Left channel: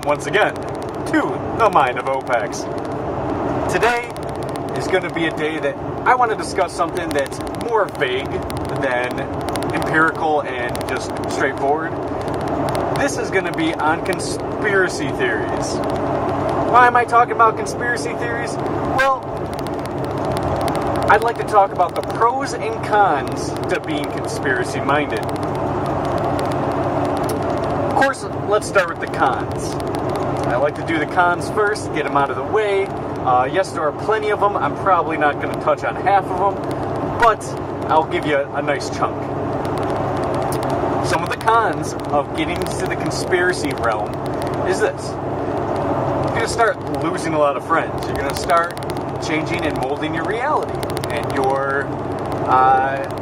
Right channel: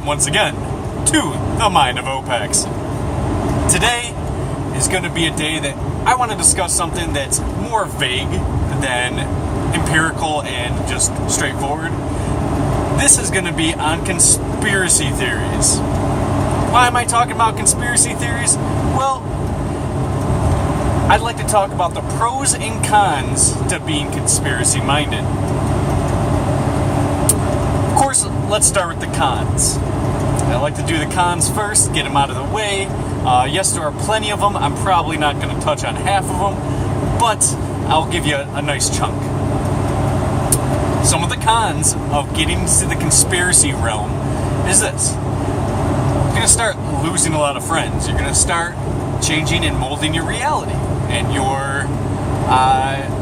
welcome once again to the Mind of Opex. Today is going to be a day that I want to discuss something that's more vague than empirical and just straightforward. This is going to be on conspiracy theories. Why am I talking about conspiracy theories? Well, I'd like to talk about the pros and cons to being conspiracy-minded. Of course, let's start with the cons. I like to do the cons first, get them out of the way. Yes, there are plenty of them. I'm probably not going to touch on half of them, but I'll give you a nice chunk. Some of the cons of getting to the conspiracy realm is this. You're going to start losing a lot of friends. You're going to start changing and molding your reality, and your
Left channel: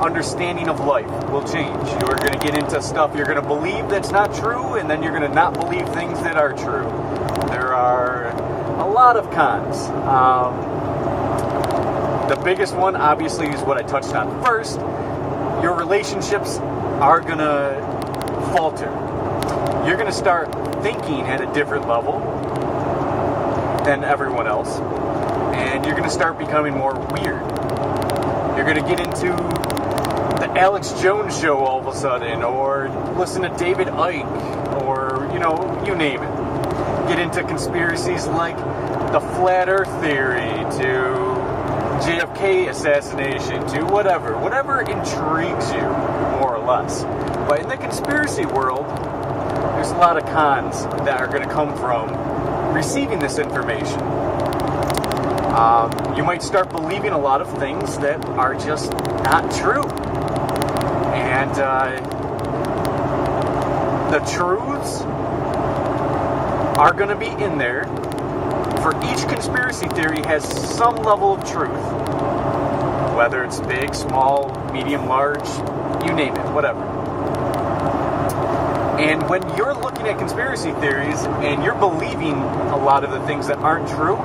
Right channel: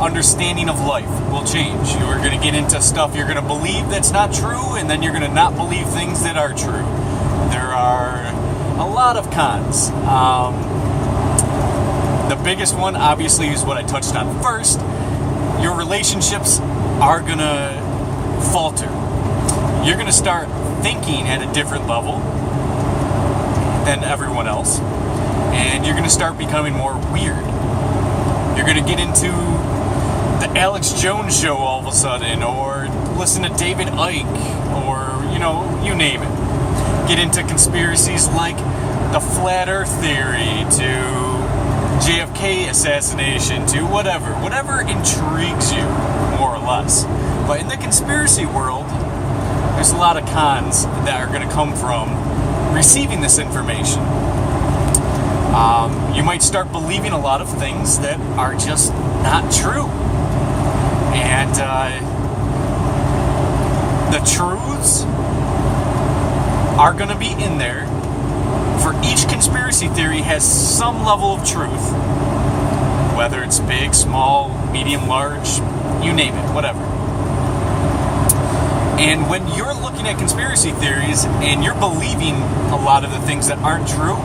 understanding of life will change. You're going to get into stuff you're going to believe that's not true, and then you're going to not believe things that are true. There are a lot of cons. The biggest one, obviously, is what I touched on first. Your relationships are going to falter. You're going to start thinking at a different level than everyone else, and you're going to start becoming more weird. You're going to get into the Alex Jones show all of a sudden, or listen to David Icke, or, you name it. Get into conspiracies like the Flat Earth theory, to JFK assassination, to whatever intrigues you, more or less. But in the conspiracy world, there's a lot of cons that are going to come from receiving this information. You might start believing a lot of things that are just not true. And the truths are going to be in there. For each conspiracy theory has some level of truth. Whether it's big, small, medium, large, you name it, whatever. And when you're looking at conspiracy theories and you're believing a lot of the things that aren't true,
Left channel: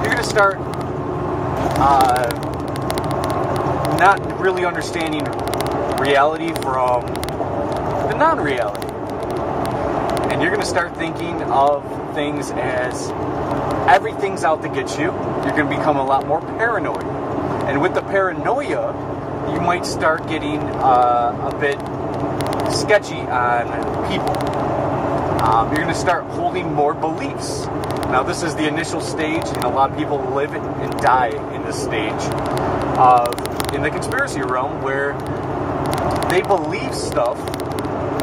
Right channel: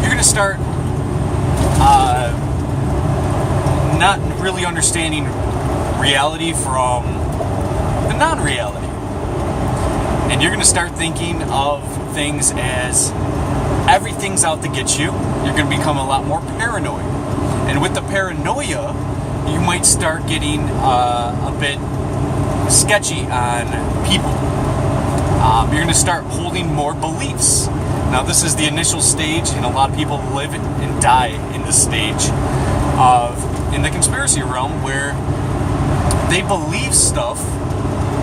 you're going to start not really understanding reality from the non-reality. And you're going to start thinking of things as everything's out to get you. You're going to become a lot more paranoid. And with the paranoia, you might start getting a bit sketchy on people. You're going to start holding more beliefs. Now, this is the initial stage, and a lot of people live and die in this stage in the conspiracy realm, where they believe stuff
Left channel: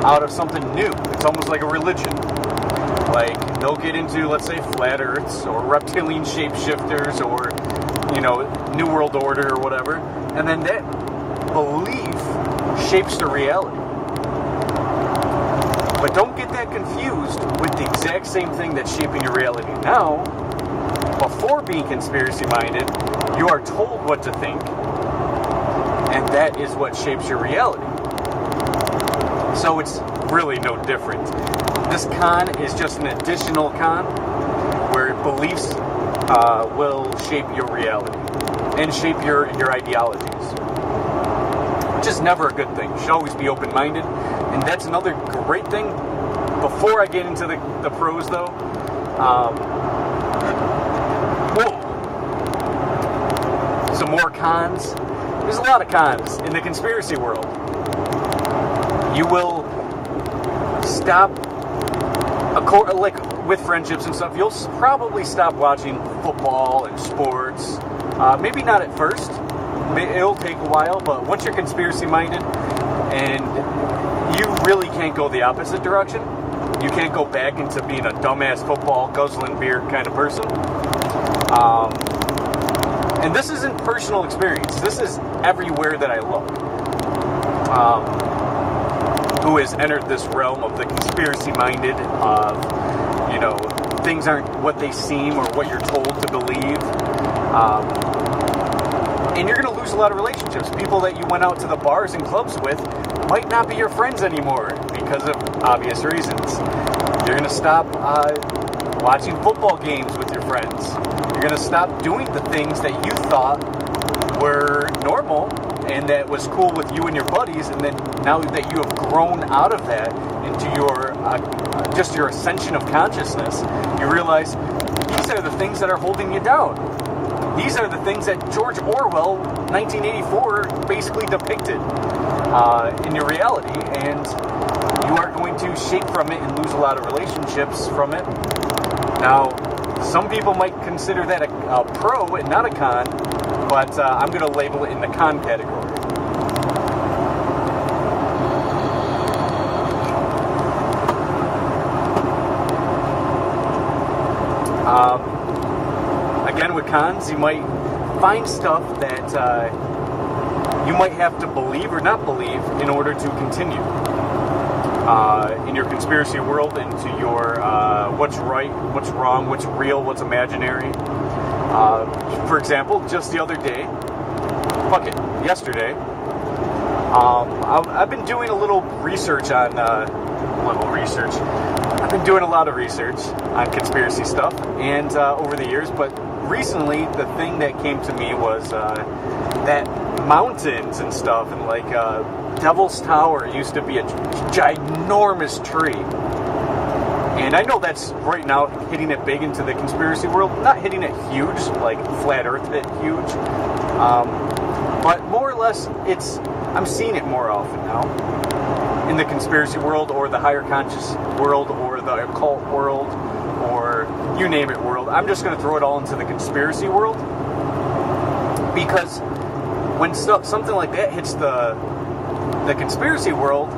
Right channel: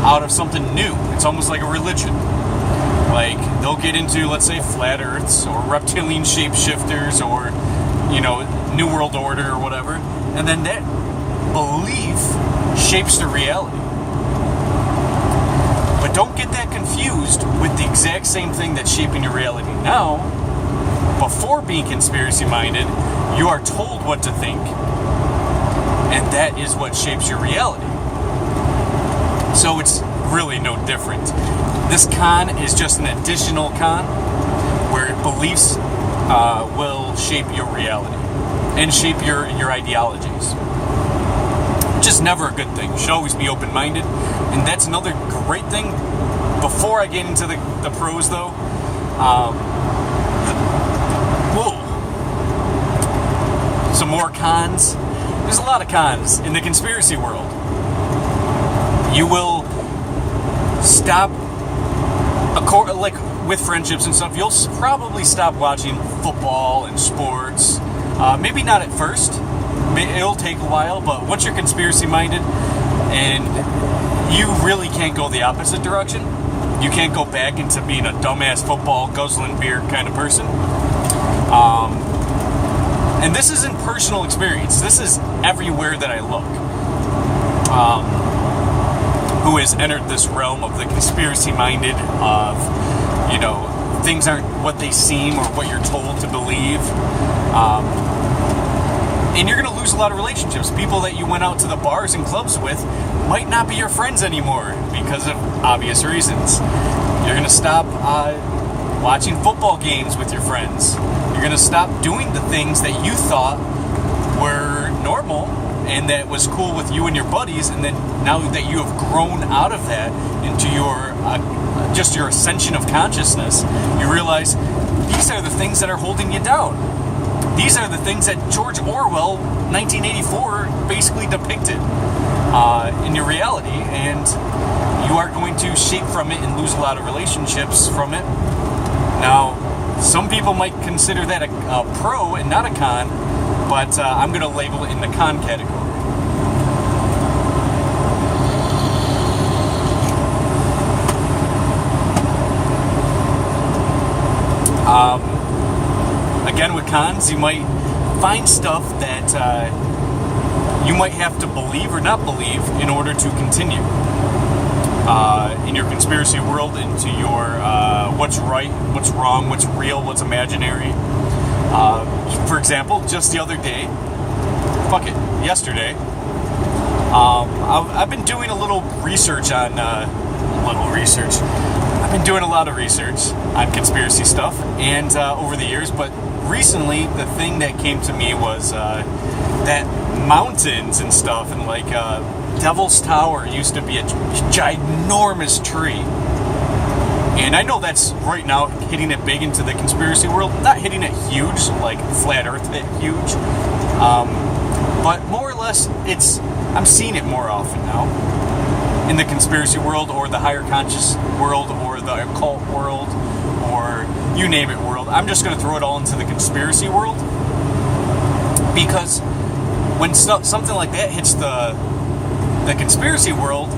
out of something new. It's almost like a religion. Like, they'll get into, let's say, flat earths, or reptilian shapeshifters, or, New World Order, or whatever, and then that belief shapes the reality. But don't get that confused with the exact same thing that's shaping your reality now. Before being conspiracy-minded, you are told what to think, and that is what shapes your reality. So it's really no different. This con is just an additional con where beliefs will shape your reality and shape your ideologies. Which is never a good thing. You should always be open-minded. And that's another great thing. Before I get into the pros, though, some more cons. There's a lot of cons in the conspiracy world. You will stop, like with friendships and stuff, you'll probably stop watching football and sports. Maybe not at first. It'll take a while, but once you're conspiracy-minded and you really can't go the opposite direction, you can't go back into being a dumbass football, guzzling beer kind of person. And this isn't personal experience. This is everywhere that I look. Who has entered this realm of the conspiracy-minded, of, things aren't what they seem or what you're told to believe. And you're going to lose a lot of relationships. People that you went out to the bars and clubs with might not be your friends anymore because of obvious reasons. You're going to stop watching football games with your friends. You're going to stop doing the things that you thought were normal and that was cool with you and your buddies, and then now that you have grown out of that into your just your ascension of consciousness, you realize these are the things that are holding you down. These are the things that George Orwell, 1984, basically depicted in your reality, and you are going to shape from it and lose a lot of relationships from it. Now, some people might consider that a pro and not a con, but I'm going to label it in the con category. Again, with cons, you might find stuff that you might have to believe or not believe in order to continue in your conspiracy world, into your what's right, what's wrong, what's real, what's imaginary. For example, just the other day, yesterday, I've been doing a little research on, I've been doing a lot of research on conspiracy stuff, and over the years, but recently the thing that came to me was that mountains and stuff, and like Devil's Tower used to be a ginormous tree. And I know that's right now hitting it big into the conspiracy world. Not hitting it huge, like Flat Earth hit huge. But more or less, I'm seeing it more often now. In the conspiracy world, or the higher conscious world, or the occult world, or you name it world. I'm just going to throw it all into the conspiracy world. Because when something like that hits the conspiracy world,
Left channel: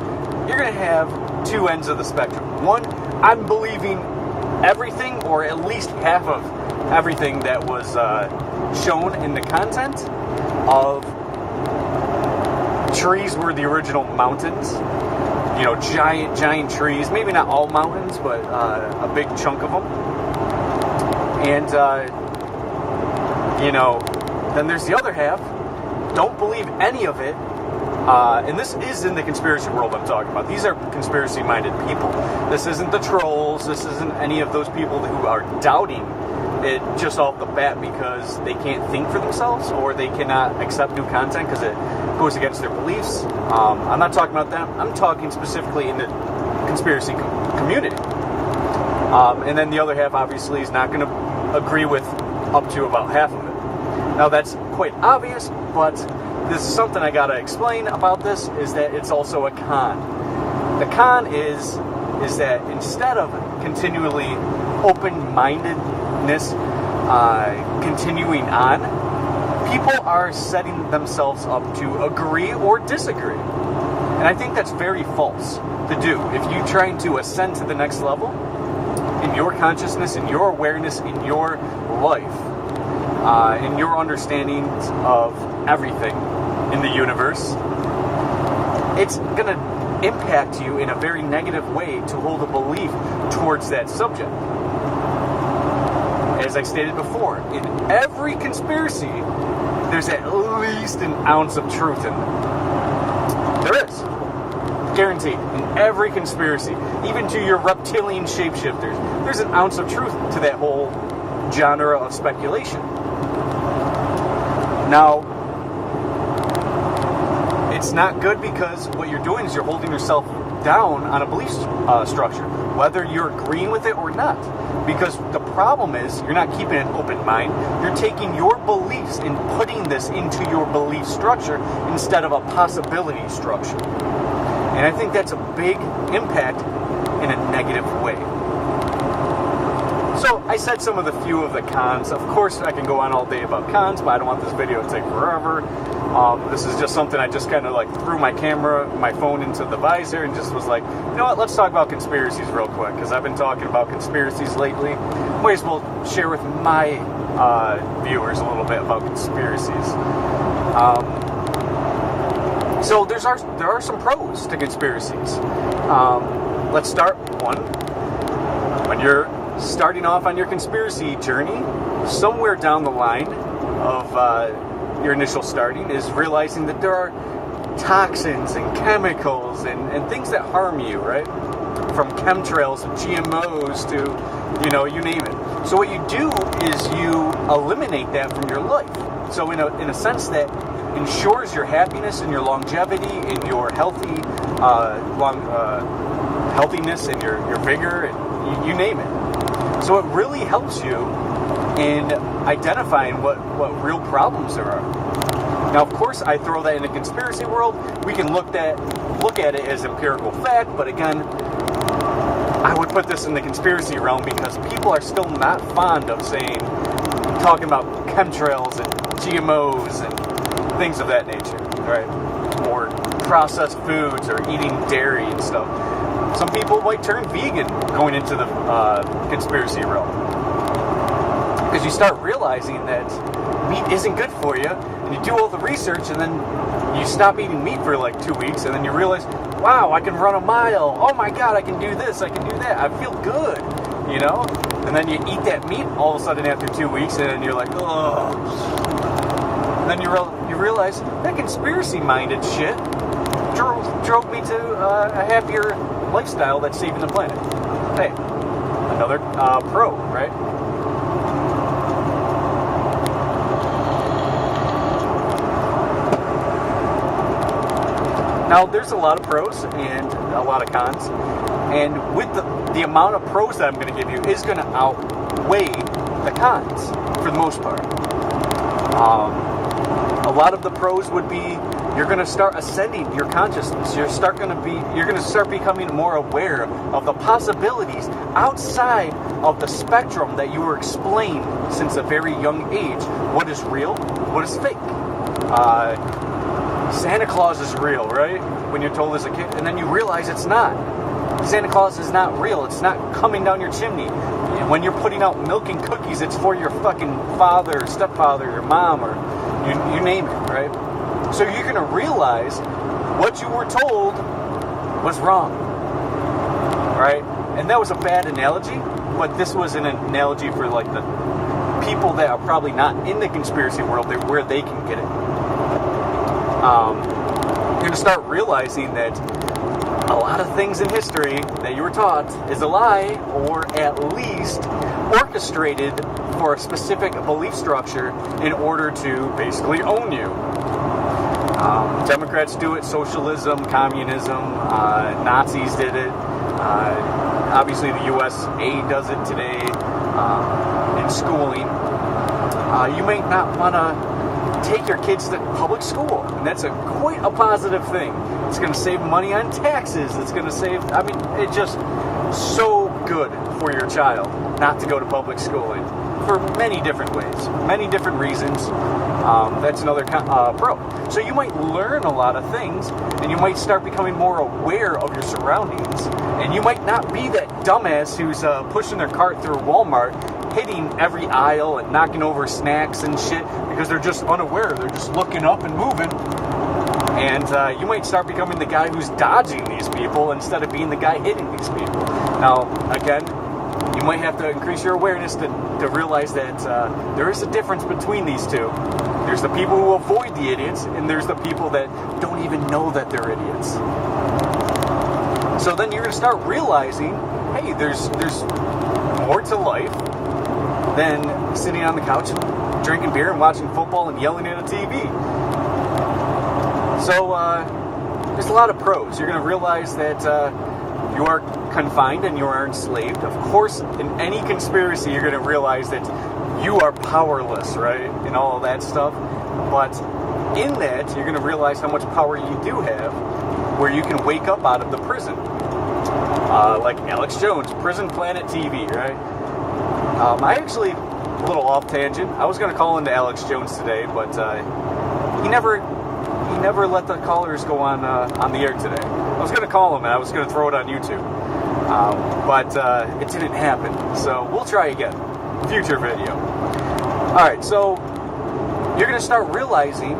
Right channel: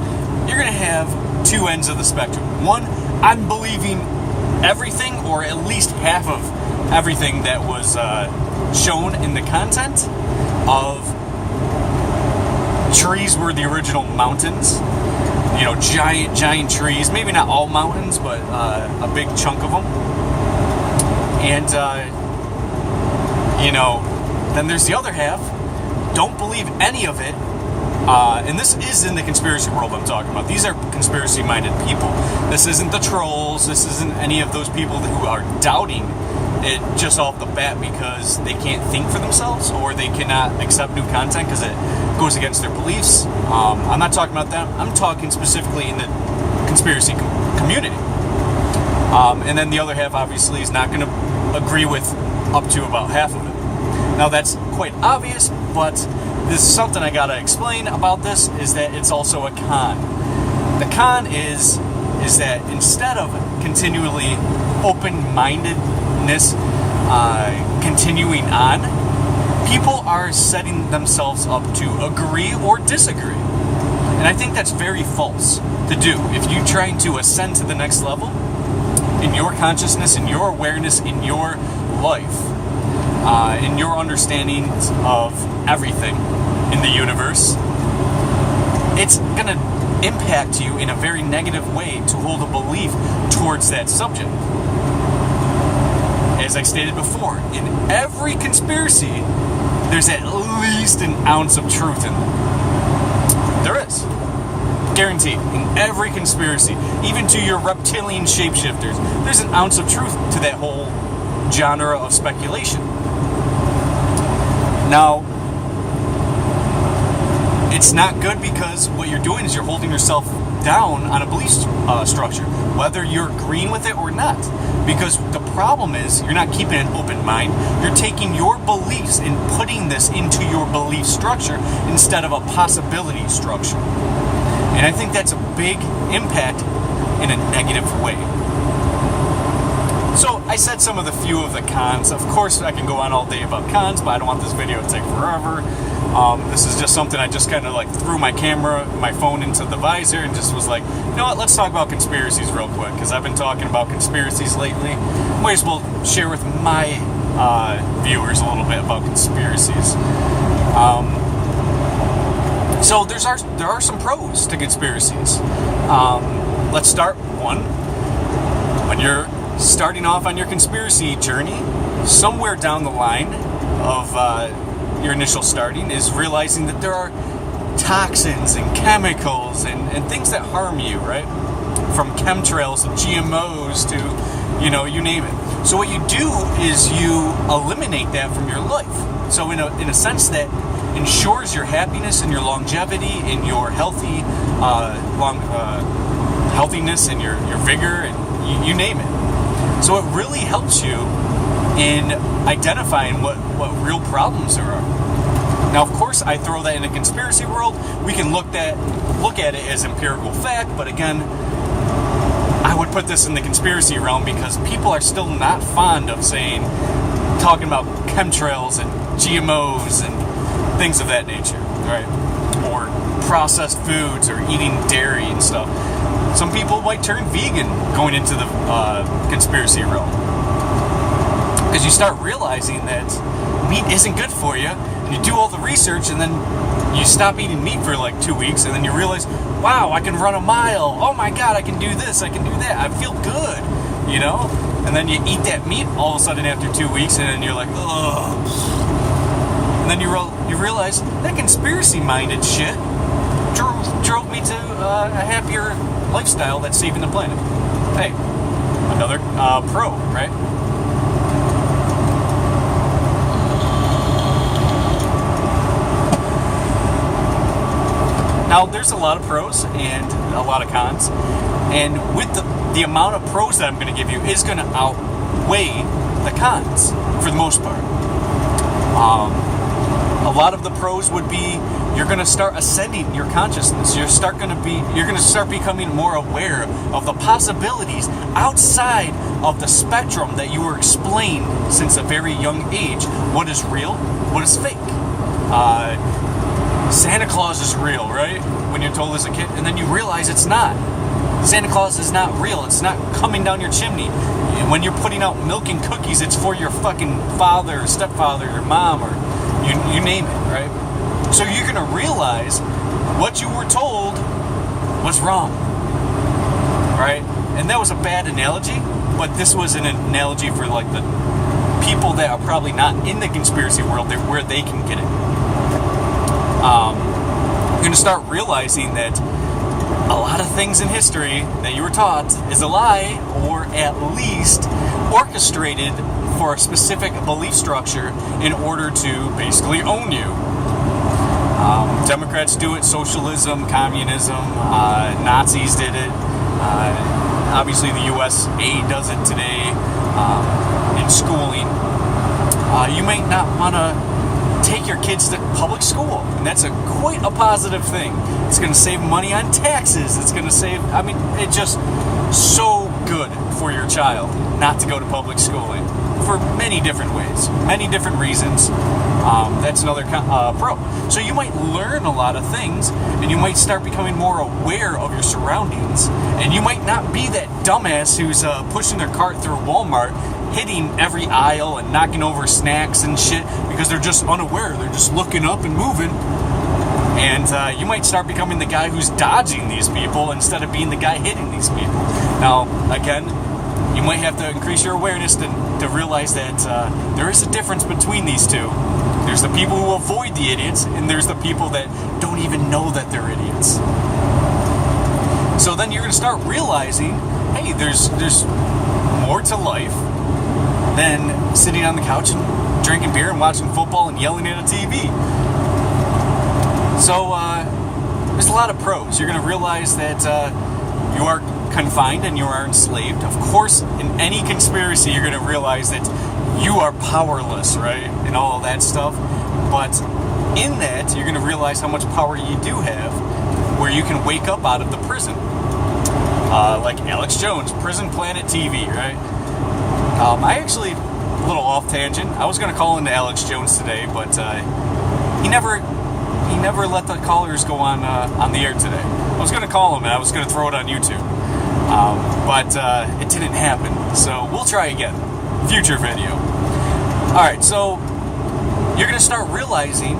you're going to have two ends of the spectrum. One, I'm believing everything, or at least half of everything that was shown in the content of trees were the original mountains. You know, giant trees. Maybe not all mountains, but a big chunk of them. And, then there's the other half. Don't believe any of it. And this is in the conspiracy world I'm talking about. These are conspiracy-minded people. This isn't the trolls. This isn't any of those people who are doubting it just off the bat because they can't think for themselves, or they cannot accept new content because it goes against their beliefs. I'm not talking about them. I'm talking specifically in the conspiracy community. And then the other half, obviously, is not going to agree with up to about half of it. Now, that's quite obvious, but this is something I gotta explain about this, is that it's also a con. The con is that instead of continually open-mindedness continuing on, people are setting themselves up to agree or disagree. And I think that's very false to do. If you're trying to ascend to the next level in your consciousness, in your awareness, in your life, in your understanding of everything in the universe, it's going to impact you in a very negative way to hold a belief towards that subject. As I stated before, in every conspiracy, there's at least an ounce of truth in them. There is. Guaranteed. In every conspiracy, even to your reptilian shapeshifters, there's an ounce of truth to that whole genre of speculation. Now, it's not good, because what you're doing is you're holding yourself down on a belief structure, whether you're agreeing with it or not. Because the problem is, you're not keeping an open mind. You're taking your beliefs and putting this into your belief structure instead of a possibility structure. And I think that's a big impact in a negative way. So I said some of the few of the cons. Of course, I can go on all day about cons, but I don't want this video to take forever. This is just something I just kind of like threw my phone into the visor and just was like, you know what, let's talk about conspiracies real quick, because I've been talking about conspiracies lately. Might as well share with my viewers a little bit about conspiracies. So there are some pros to conspiracies. Let's start one. When you're starting off on your conspiracy journey, somewhere down the line of your initial starting is realizing that there are toxins and chemicals and things that harm you, right? From chemtrails and GMOs to, you name it. So what you do is you eliminate that from your life. So in a sense that ensures your happiness and your longevity and your healthiness and your vigor, and you name it. So it really helps you in identifying what real problems there are. Now, of course, I throw that in a conspiracy world. We can look at it as empirical fact, but again, I would put this in the conspiracy realm because people are still not fond of talking about chemtrails and GMOs and things of that nature, right? Or processed foods or eating dairy and stuff. Some people might turn vegan going into the conspiracy realm because you start realizing that meat isn't good for you, and you do all the research, and then you stop eating meat for like 2 weeks, and then you realize, wow, I can run a mile. Oh my God, I can do this, I can do that. I feel good, you know? And then you eat that meat all of a sudden after 2 weeks, and then you're like, ugh. And then you realize that conspiracy-minded shit drove me to a happier lifestyle that's saving the planet. Hey, another pro, right? Now, there's a lot of pros and a lot of cons, and with the amount of pros that I'm going to give you is going to outweigh the cons for the most part. A lot of the pros would be you're going to start ascending your consciousness. You're going to start becoming more aware of the possibilities outside of the spectrum that you were explained since a very young age. What is real? What is fake? Santa Claus is real, right? When you're told as a kid, and then you realize it's not. Santa Claus is not real. It's not coming down your chimney. When you're putting out milk and cookies, it's for your fucking father or stepfather or mom or you name it, right? So you're going to realize what you were told was wrong, right? And that was a bad analogy, but this was an analogy for like the people that are probably not in the conspiracy world where they can get it. You're going to start realizing that a lot of things in history that you were taught is a lie, or at least orchestrated for a specific belief structure in order to basically own you. Democrats do it, socialism, communism, Nazis did it, obviously the USA does it today in schooling. You may not want to take your kids to public school, and that's quite a positive thing. It's going to save money on taxes. It's going to save, it's just so good for your child not to go to public schooling for many different ways, many different reasons. That's another pro. So you might learn a lot of things, and you might start becoming more aware of your surroundings, and you might not be that dumbass who's pushing their cart through Walmart, hitting every aisle and knocking over snacks and shit because they're just unaware. They're just looking up and moving. And you might start becoming the guy who's dodging these people instead of being the guy hitting these people. Now, again, you might have to increase your awareness to realize that there is a difference between these two. There's the people who avoid the idiots, and there's the people that don't even know that they're idiots. So then you're going to start realizing, hey, there's more to life than sitting on the couch and drinking beer and watching football and yelling at a TV. So there's a lot of pros. You're going to realize that you are confined and you are enslaved. Of course, in any conspiracy, you're going to realize that you are powerless, right? And all of that stuff. But in that, you're going to realize how much power you do have, where you can wake up out of the prison. Like Alex Jones, Prison Planet TV, right? I actually, a little off tangent, I was going to call into Alex Jones today, but he never let the callers go on the air today. I was going to call him and I was going to throw it on YouTube, but it didn't happen. So we'll try again, future video. All right, so you're going to start realizing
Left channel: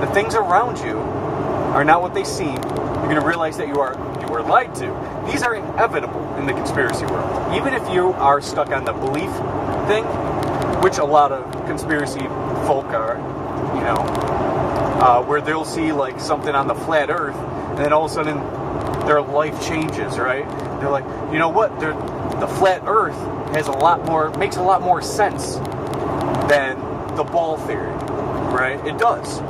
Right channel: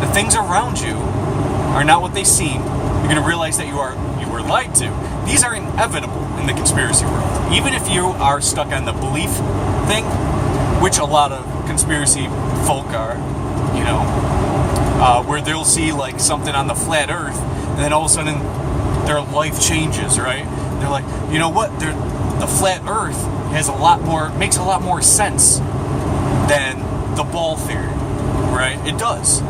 the things around you are not what they seem. You're going to realize that you were lied to. These are inevitable in the conspiracy world. Even if you are stuck on the belief thing, which a lot of conspiracy folk are, you know, where they'll see like something on the flat earth, and then all of a sudden their life changes, right? They're like, you know what? The flat earth makes a lot more sense than the ball theory, right? It does.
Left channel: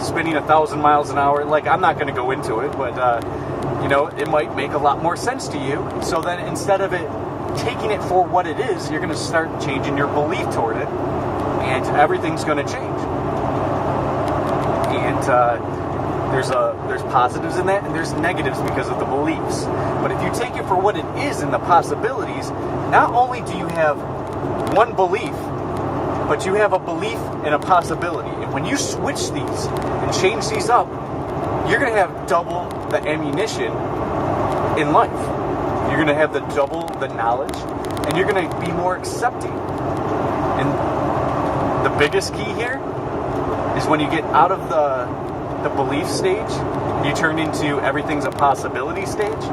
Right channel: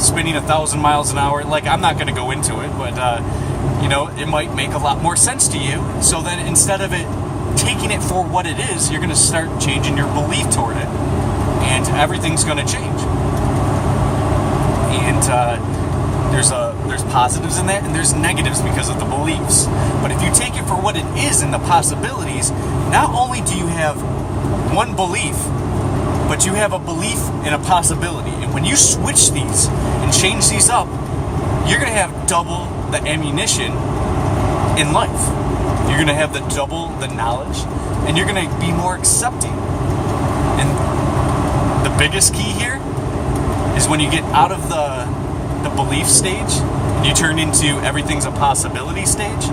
spinning 1,000 miles an hour. Like, I'm not going to go into it, but it might make a lot more sense to you. So then instead of it taking it for what it is, you're going to start changing your belief toward it, and everything's going to change. And there's positives in that, and there's negatives because of the beliefs. But if you take it for what it is and the possibilities, not only do you have one belief, but you have a belief and a possibility. And when you switch these and change these up, you're going to have double the ammunition in life. You're going to have double the knowledge, and you're going to be more accepting. And the biggest key here is when you get out of the belief stage and you turn into everything's a possibility stage,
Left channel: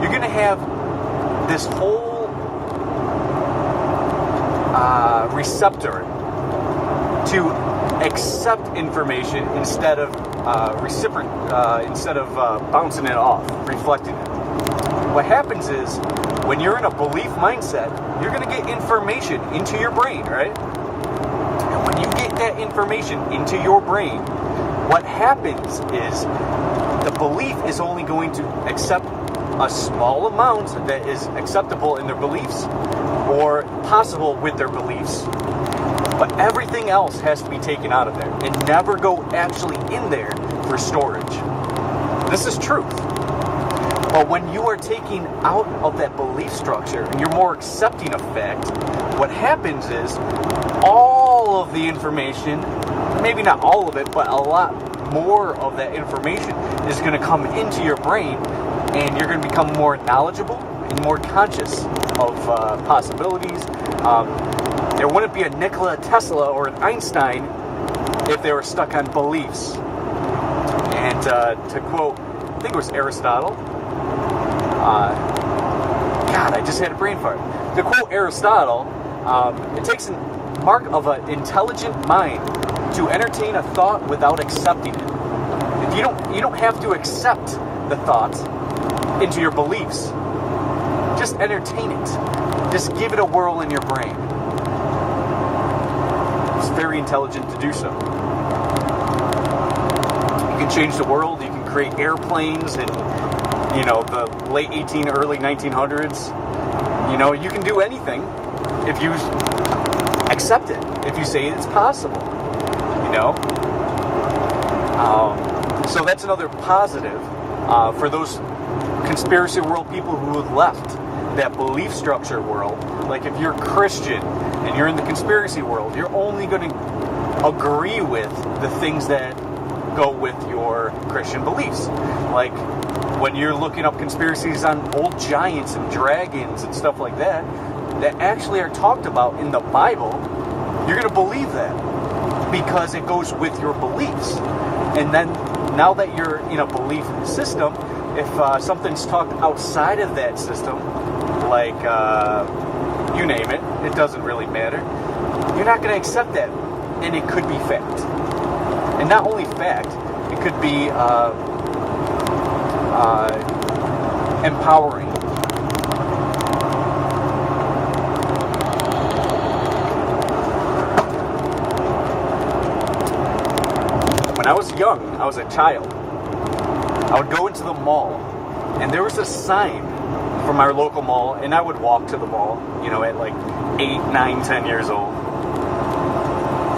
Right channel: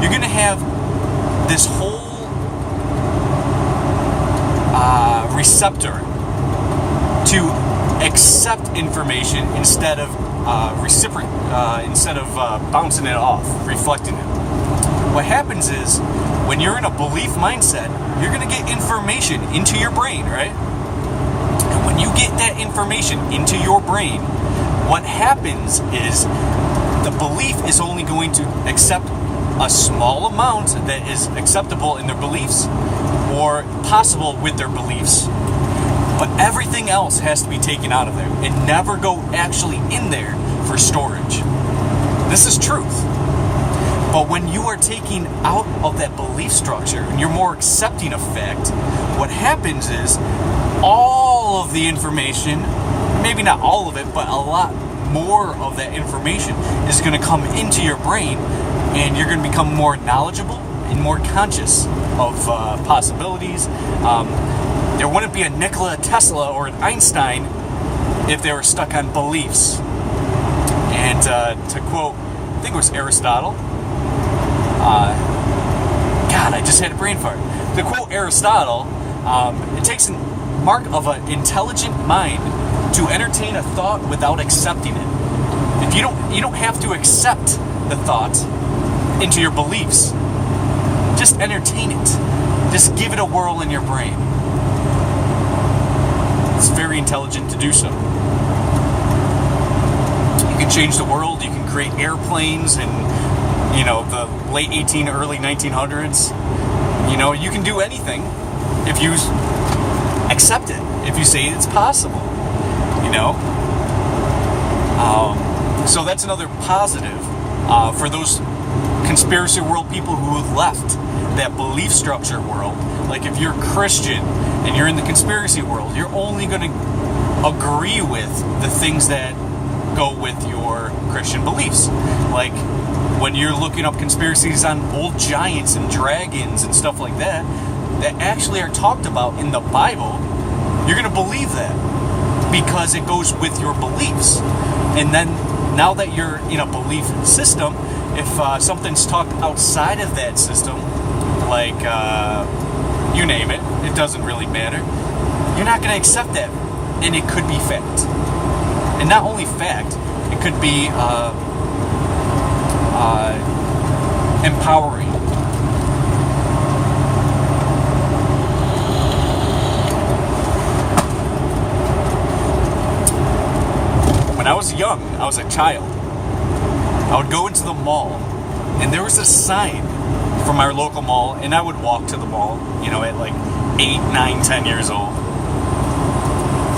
you're going to have this whole receptor to accept information instead of bouncing it off, reflecting it. What happens is, when you're in a belief mindset, you're going to get information into your brain, right? And when you get that information into your brain, what happens is the belief is only going to accept a small amount that is acceptable in their beliefs or possible with their beliefs. But everything else has to be taken out of there and never go actually in there for storage. This is truth. But when you are taking out of that belief structure and you're more accepting of fact, what happens is all of the information, maybe not all of it, but a lot more of that information is going to come into your brain, and you're going to become more knowledgeable and more conscious of possibilities. There wouldn't be a Nikola Tesla or an Einstein if they were stuck on beliefs. And to quote, I think it was Aristotle, God, I just had a brain fart. To quote Aristotle, it takes a mark of an intelligent mind to entertain a thought without accepting it. If you don't have to accept the thought into your beliefs. Just entertain it. Just give it a whirl in your brain. It's very intelligent to do so. You can change the world. You can create airplanes in, the late early 1900s. You can do anything if you accept it. If you say it's possible. So that's another positive for those conspiracy world people who have left that belief structure world. Like, if you're Christian and you're in the conspiracy world, you're only going to agree with the things that go with your Christian beliefs. Like, when you're looking up conspiracies on old giants and dragons and stuff like that actually are talked about in the Bible, you're going to believe that because it goes with your beliefs. And then, now that you're in a belief system, if something's talked outside of that system, like you name it, it doesn't really matter, you're not going to accept that. And it could be fact. And not only fact, it could be empowering. When I was young, I was a child, I would go into the mall, and there was a sign from our local mall, and I would walk to the mall, at like 8, 9, 10 years old.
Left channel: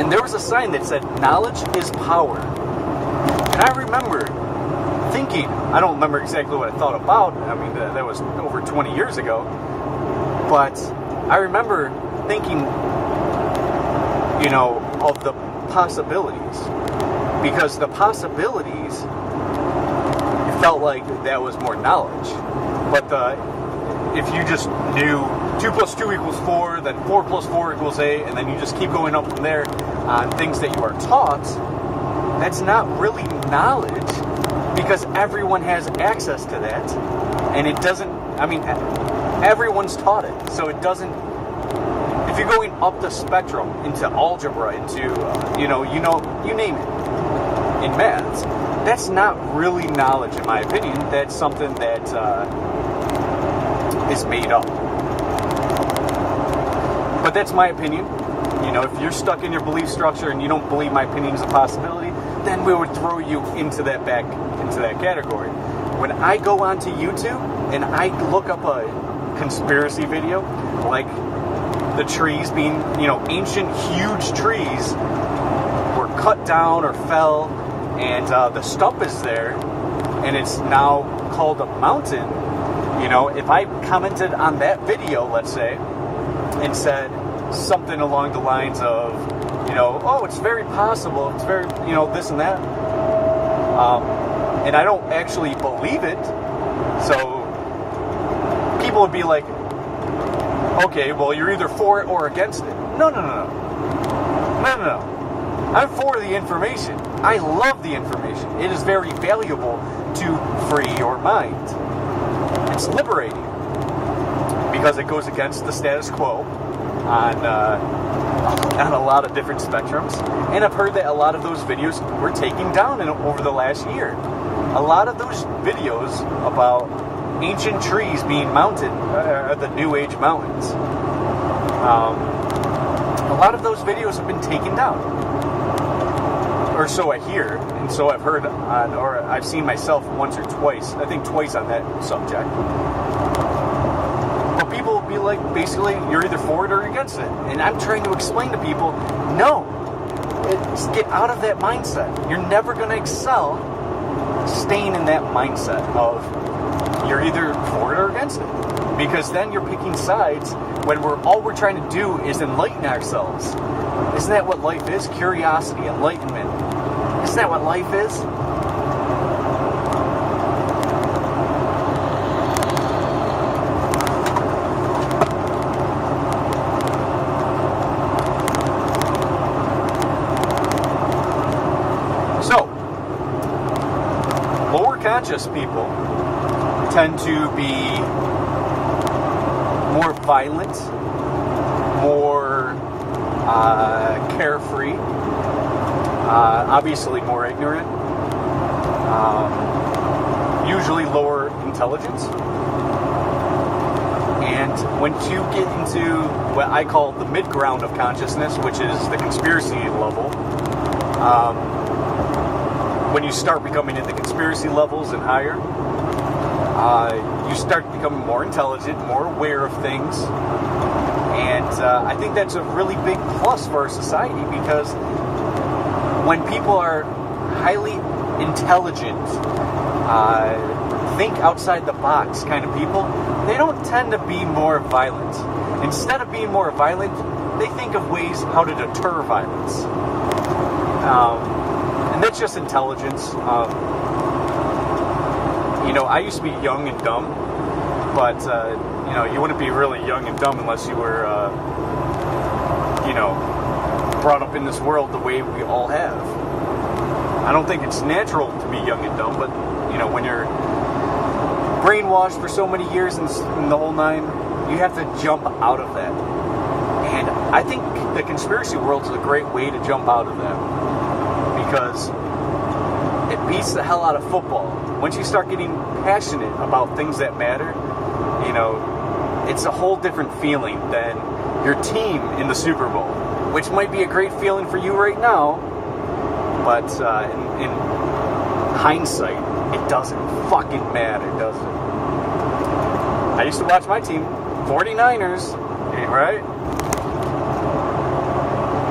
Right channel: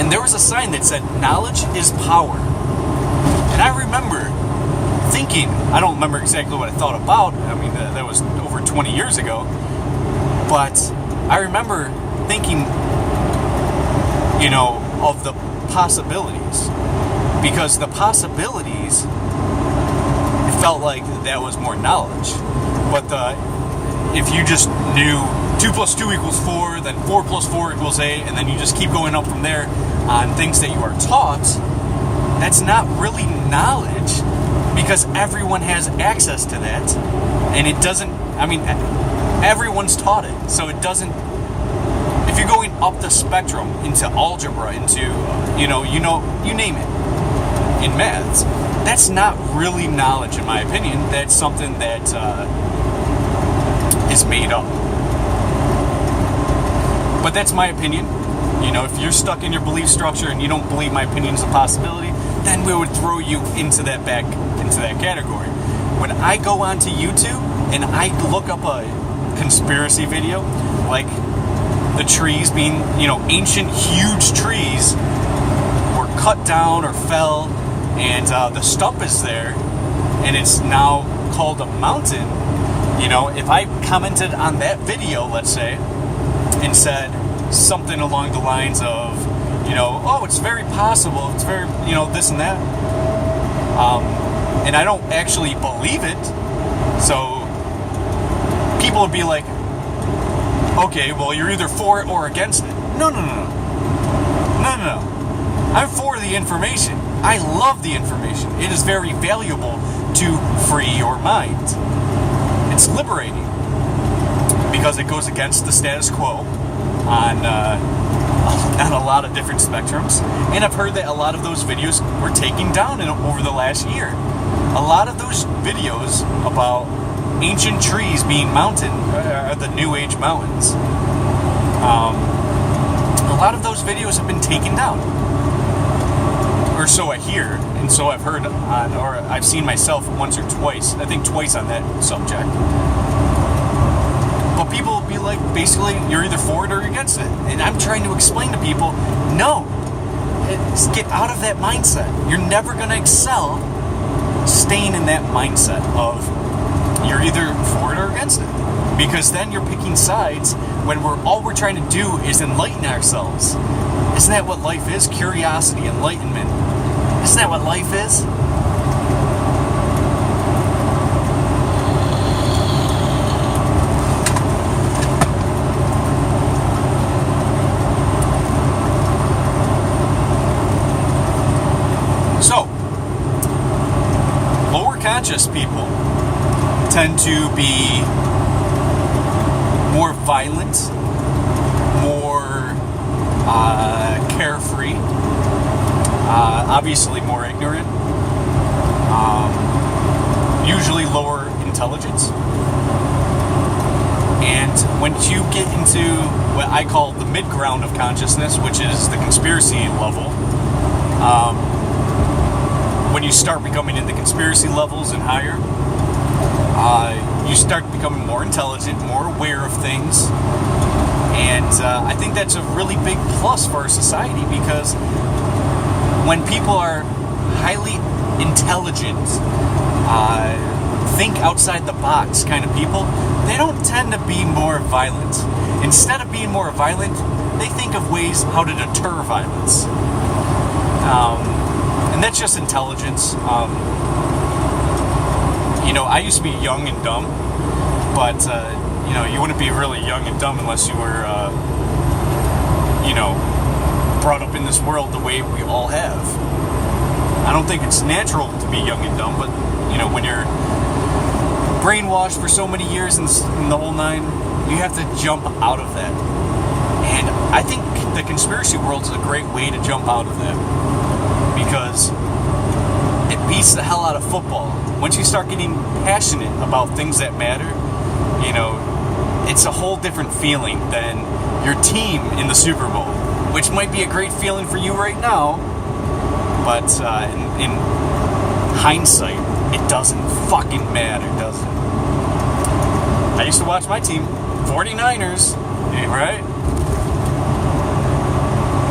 And there was a sign that said, "Knowledge is power." And I remember thinking, I don't remember exactly what I thought about. I mean, that was over 20 years ago. But I remember thinking, of the possibilities. Because the possibilities, it felt like that was more knowledge. But if you just knew 2 + 2 = 4, then 4 + 4 = 8, and then you just keep going up from there on things that you are taught, that's not really knowledge, because everyone has access to that. And it doesn't, everyone's taught it. So it doesn't, if you're going up the spectrum into algebra, into, you name it, in maths, that's not really knowledge, in my opinion. That's something that is made up. But that's my opinion. If you're stuck in your belief structure and you don't believe my opinion is a possibility, then we would throw you into that category. When I go onto YouTube and I look up a conspiracy video, like the trees being, ancient huge trees were cut down or fell, and the stump is there, and it's now called a mountain. If I commented on that video, let's say, and said something along the lines of, oh, it's very possible, it's very, this and that, and I don't actually believe it, so people would be like, okay, well, you're either for it or against it. No. I'm for the information. I love the information. It is very valuable to free your mind. It's liberating because it goes against the status quo on a lot of different spectrums. And I've heard that a lot of those videos were taken down over the last year. A lot of those videos about ancient trees being mountain, the New Age mountains. A lot of those videos have been taken down, or so I hear, and so I've heard on, or I've seen myself once or twice. I think twice on that subject. But people will be like, basically, you're either for it or against it, and I'm trying to explain to people, no, get out of that mindset. You're never going to excel staying in that mindset of you're either for it or against it, because then you're picking sides when all we're trying to do is enlighten ourselves. Isn't that what life is? Curiosity, enlightenment. Isn't that what life is? So, lower conscious people tend to be more violent, more carefree, obviously more ignorant, usually lower intelligence. And when you get into what I call the mid-ground of consciousness, which is the conspiracy level, when you start becoming in the conspiracy levels and higher, you start becoming more intelligent, more aware of things, and I think that's a really big plus for our society, because when people are highly intelligent, think outside the box kind of people, they don't tend to be more violent. Instead of being more violent, they think of ways how to deter violence. And that's just intelligence. I used to be young and dumb, but, you wouldn't be really young and dumb unless you were, brought up in this world the way we all have. I don't think it's natural to be young and dumb, but, when you're brainwashed for so many years and the whole nine, you have to jump out of that. And I think the conspiracy world is a great way to jump out of that, because it beats the hell out of football. Once you start getting passionate about things that matter, it's a whole different feeling than your team in the Super Bowl, which might be a great feeling for you right now, but in hindsight, it doesn't fucking matter, does it? I used to watch my team, 49ers, right?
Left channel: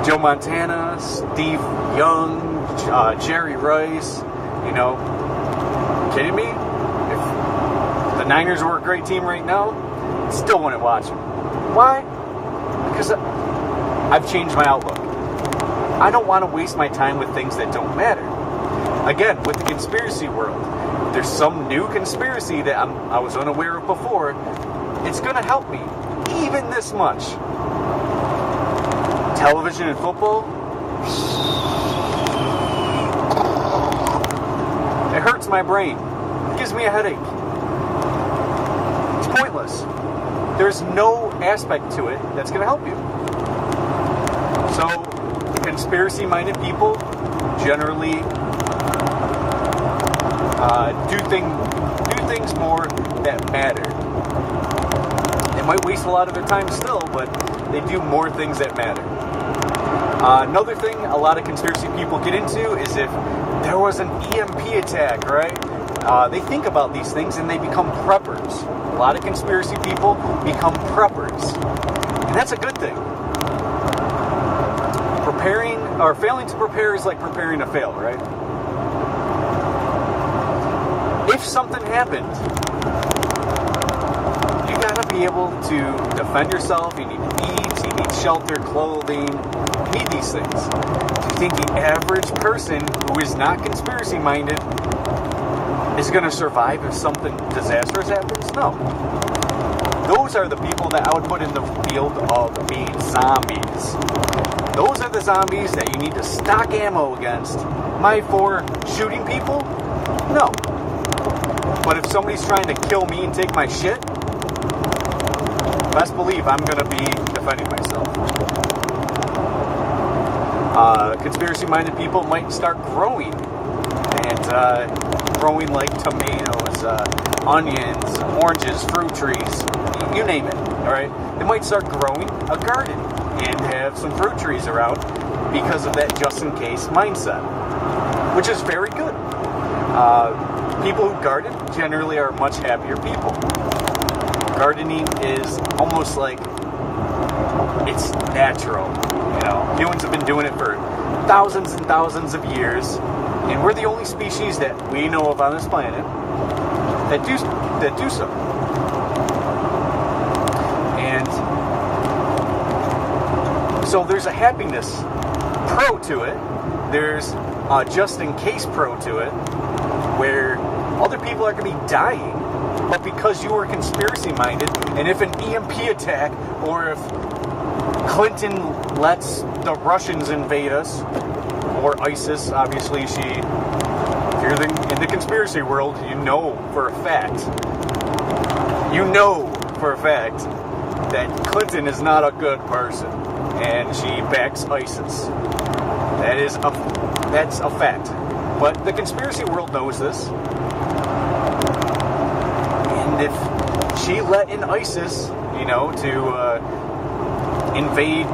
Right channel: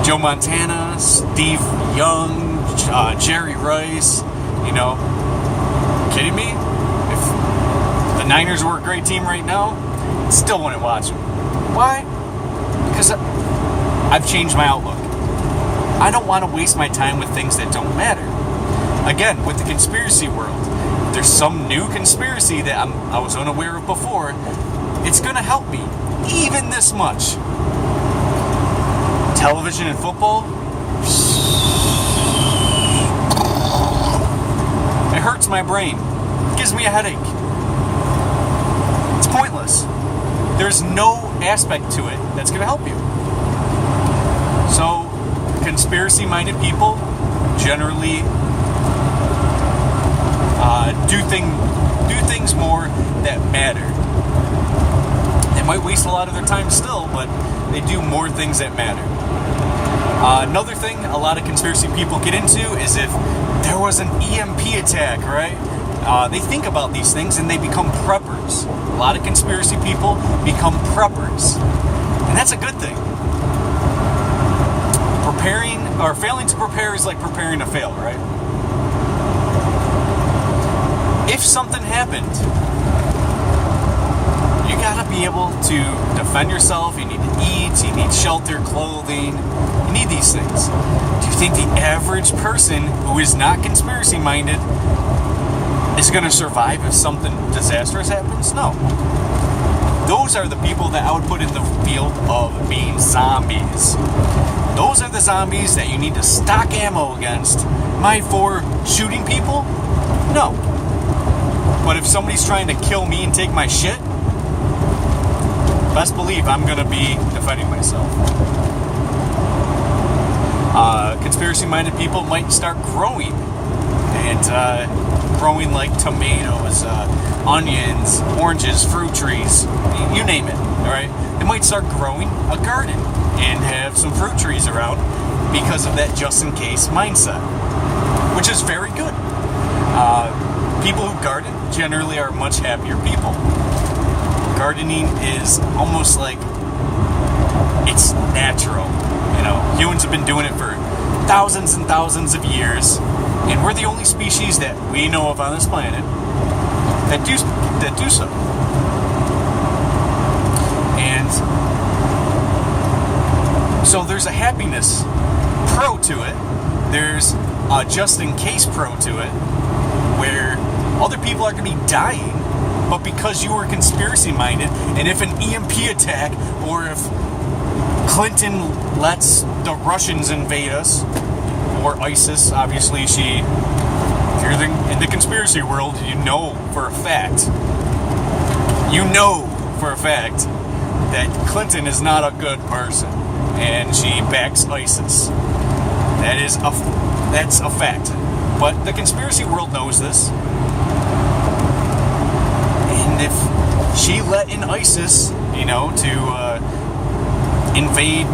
Joe Montana, Steve Young, Jerry Rice, kidding me? If the Niners were a great team right now, I still wouldn't watch them. Why? Because I've changed my outlook. I don't want to waste my time with things that don't matter. Again, with the conspiracy world, if there's some new conspiracy that I was unaware of before, it's going to help me, even this much. Television and football, it hurts my brain. It gives me a headache. It's pointless. There's no aspect to it that's going to help you. So, conspiracy-minded people generally do things more that matter. They might waste a lot of their time still, but they do more things that matter. Another thing a lot of conspiracy people get into is if there was an EMP attack, right? They think about these things and they become preppers. A lot of conspiracy people become preppers. And that's a good thing. Preparing or failing to prepare is like preparing to fail, right? If something happened, you gotta be able to defend yourself. You need to eat, you need shelter, clothing, you need these things. Do you think the average person who is not conspiracy minded is gonna survive if something disastrous happens? No. Those are the people that I would put in the field of being zombies. Those are the zombies that you need to stock ammo against. Am I for shooting people? No. But if somebody's trying to kill me and take my shit, best believe I'm going to be defending myself. Conspiracy-minded people might start growing. And growing like tomatoes, onions, oranges, fruit trees, you name it, alright? They might start growing a garden and have some fruit trees around because of that just-in-case mindset, which is very good. People who garden generally are much happier people. Gardening is almost like it's natural. You know, humans have been doing it for thousands and thousands of years, and we're the only species that we know of on this planet that do so. And so there's a happiness pro to it. There's a just-in-case pro to it, where other people are going to be dying, but because you were conspiracy-minded, and if an EMP attack, or if Clinton lets the Russians invade us, or ISIS, obviously if you're in the conspiracy world, you know for a fact that Clinton is not a good person, and she backs ISIS. That's a fact. But the conspiracy world knows this. And if she let in ISIS, to invade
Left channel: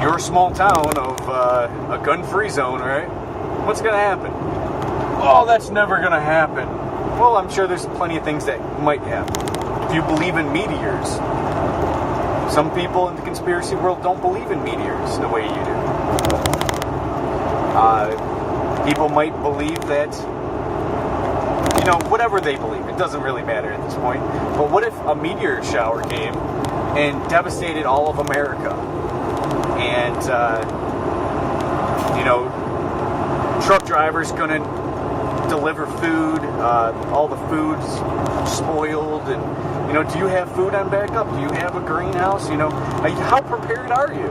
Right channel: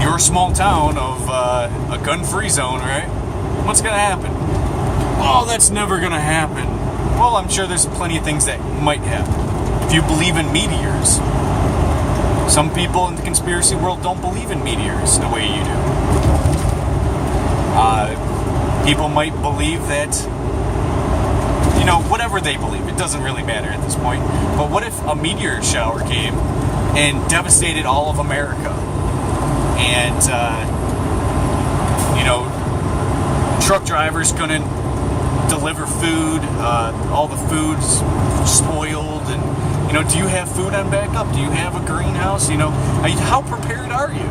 your small town of a gun-free zone, right? What's going to happen? Oh, that's never going to happen. Well, I'm sure there's plenty of things that might happen. If you believe in meteors, some people in the conspiracy world don't believe in meteors the way you do. People might believe that, whatever they believe, it doesn't really matter at this point. But what if a meteor shower came and devastated all of America? And, truck drivers couldn't deliver food, all the food's spoiled, and, do you have food on backup? Do you have a greenhouse? How prepared are you?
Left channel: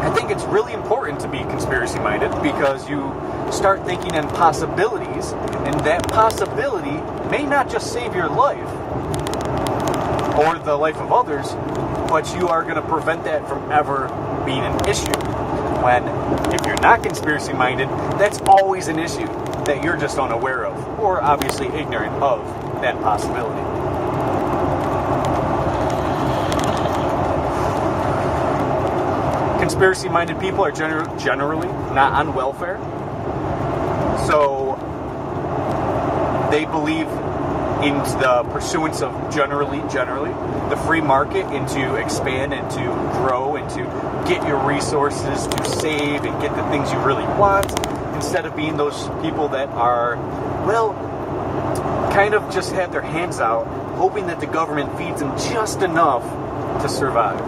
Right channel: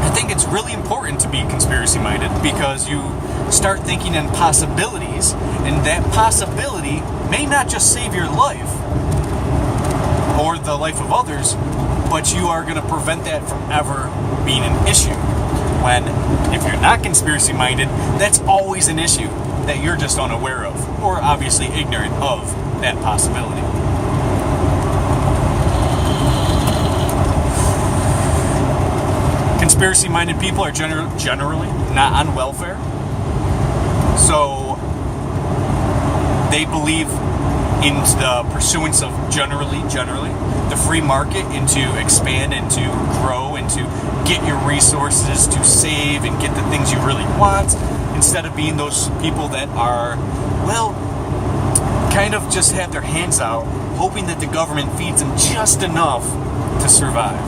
I think it's really important to be conspiracy-minded because you start thinking in possibilities, and that possibility may not just save your life or the life of others, but you are going to prevent that from ever being an issue. When, if you're not conspiracy-minded, that's always an issue that you're just unaware of, or obviously ignorant of that possibility. Conspiracy-minded people are generally not on welfare, so they believe in the pursuance of generally the free market, and to expand and to grow and to get your resources to save and get the things you really want, instead of being those people that are, kind of just have their hands out, hoping that the government feeds them just enough to survive.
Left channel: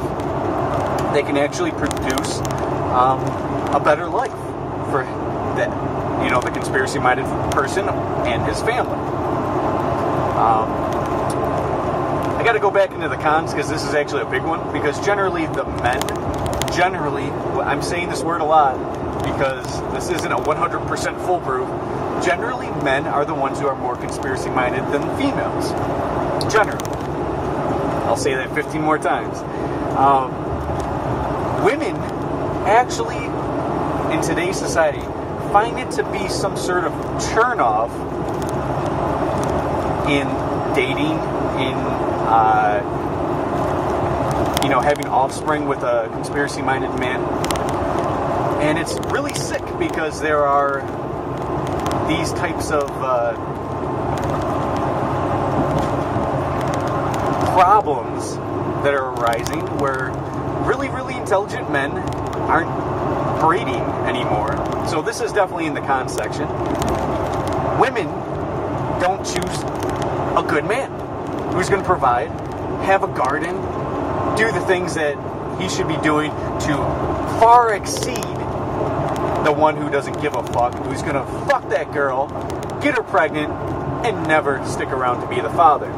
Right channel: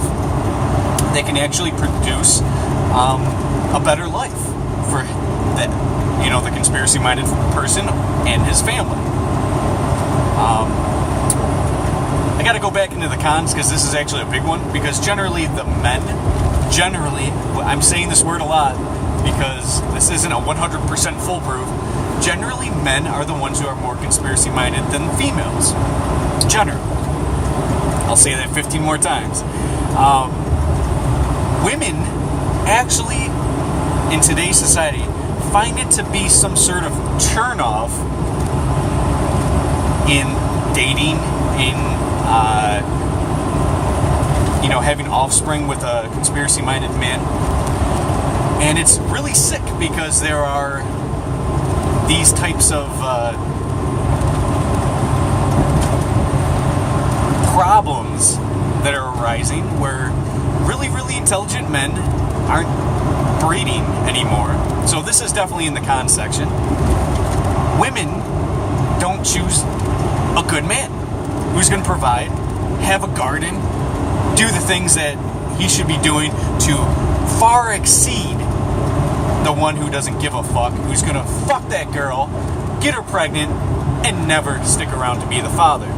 They can actually produce a better life for the conspiracy-minded person and his family. I got to go back into the cons because this is actually a big one. Because generally, I'm saying this word a lot because this isn't a 100% foolproof. Generally, men are the ones who are more conspiracy-minded than females. Generally. I'll say that 15 more times. Women actually, in today's society, find it to be some sort of turn-off in dating, in having offspring with a conspiracy-minded man. And it's really sick because there are these types of problems that are arising where really, really intelligent men aren't breeding anymore. So this is definitely in the con section. Women don't choose a good man who's going to provide, have a garden, do the things that he should be doing to far exceed the one who doesn't give a fuck, who's going to fuck that girl, get her pregnant, and never stick around to be the father.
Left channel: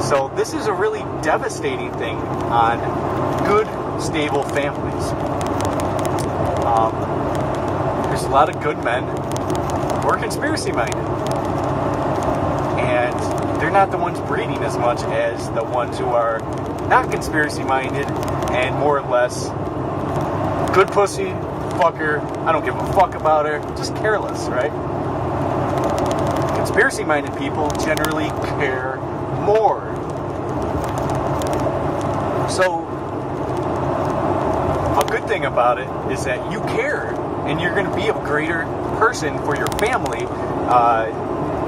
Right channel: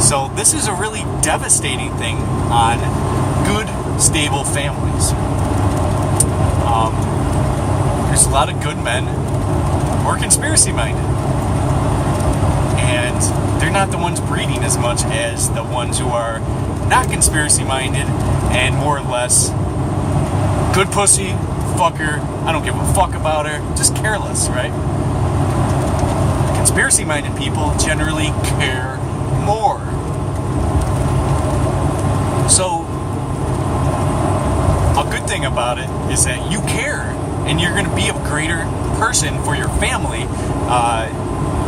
So this is a really devastating thing on good, stable families. There's a lot of good men who are conspiracy-minded. And they're not the ones breeding as much as the ones who are not conspiracy-minded and more or less good pussy, fucker, I don't give a fuck about her, just careless, right? Conspiracy-minded people generally care more. So, a good thing about it is that you care, and you're going to be a greater person for your family.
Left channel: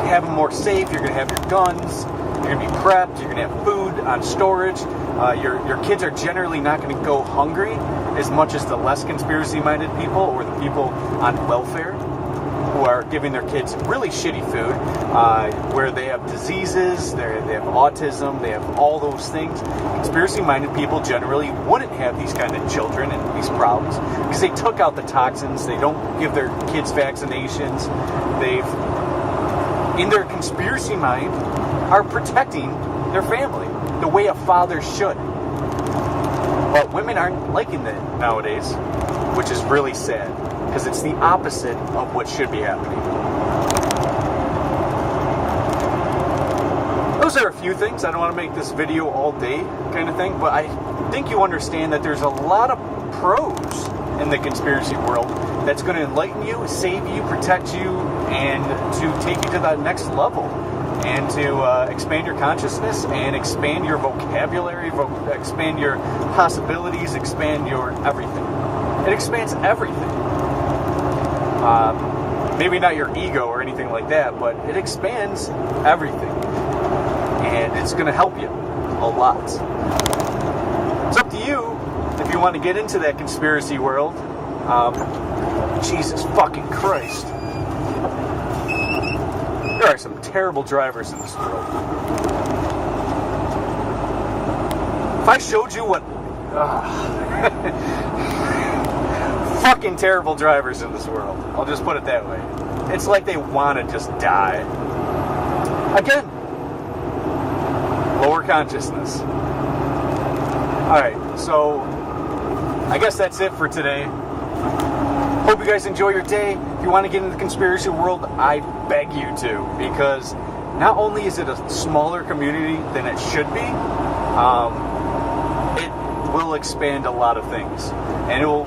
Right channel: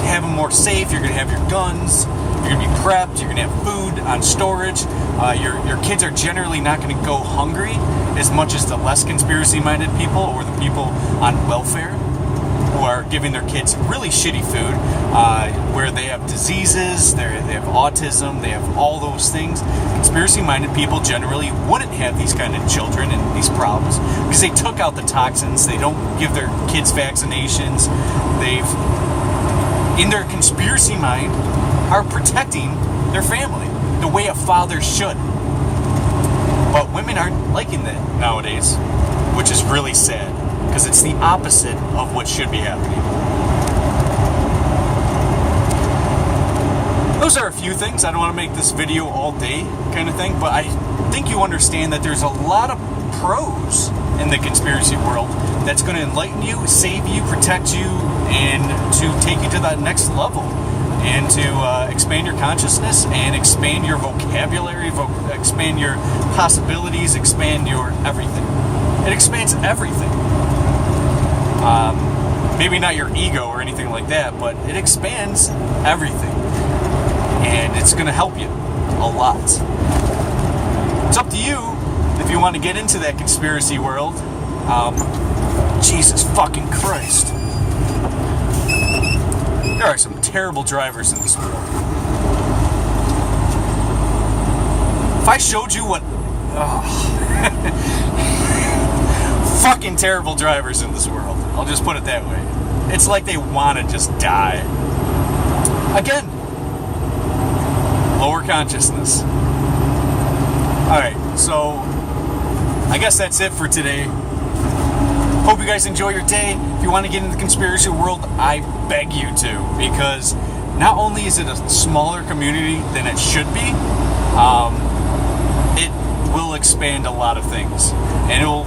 Have them more safe, you're going to have your guns, you're going to be prepped, you're going to have food on storage. Your kids are generally not going to go hungry as much as the less conspiracy-minded people or the people on welfare who are giving their kids really shitty food, where they have diseases, they have autism, they have all those things. Conspiracy-minded people generally wouldn't have these kind of children and these problems because they took out the toxins, they don't give their kids vaccinations, in their conspiracy mind, are protecting their family the way a father should. But women aren't liking that nowadays, which is really sad, because it's the opposite of what should be happening. Those are a few things. I don't want to make this video all day kind of thing, but I think you understand that there's a lot of pros in the conspiracy world that's going to enlighten you, save you, protect you, and to take you to that next level, and to expand your consciousness and expand your vocabulary, expand your possibilities, expand your everything. It expands everything. Maybe not your ego or anything like that, but it expands everything. And it's going to help you a lot. It's up to you if you want to get into that conspiracy world. Jesus fucking Christ. There are some terrible drivers in this world. If I showed you what... fucking terrible drivers in this world. I'll just put it that way. It's like they want to just die. Again, lower consciousness. Alright, so I guess that's it for today. Hope you guys enjoy your day. If you want to get into the conspiracy world, I beg you to, because not only is it a smaller community than it should be, it will expand a lot of things, and it will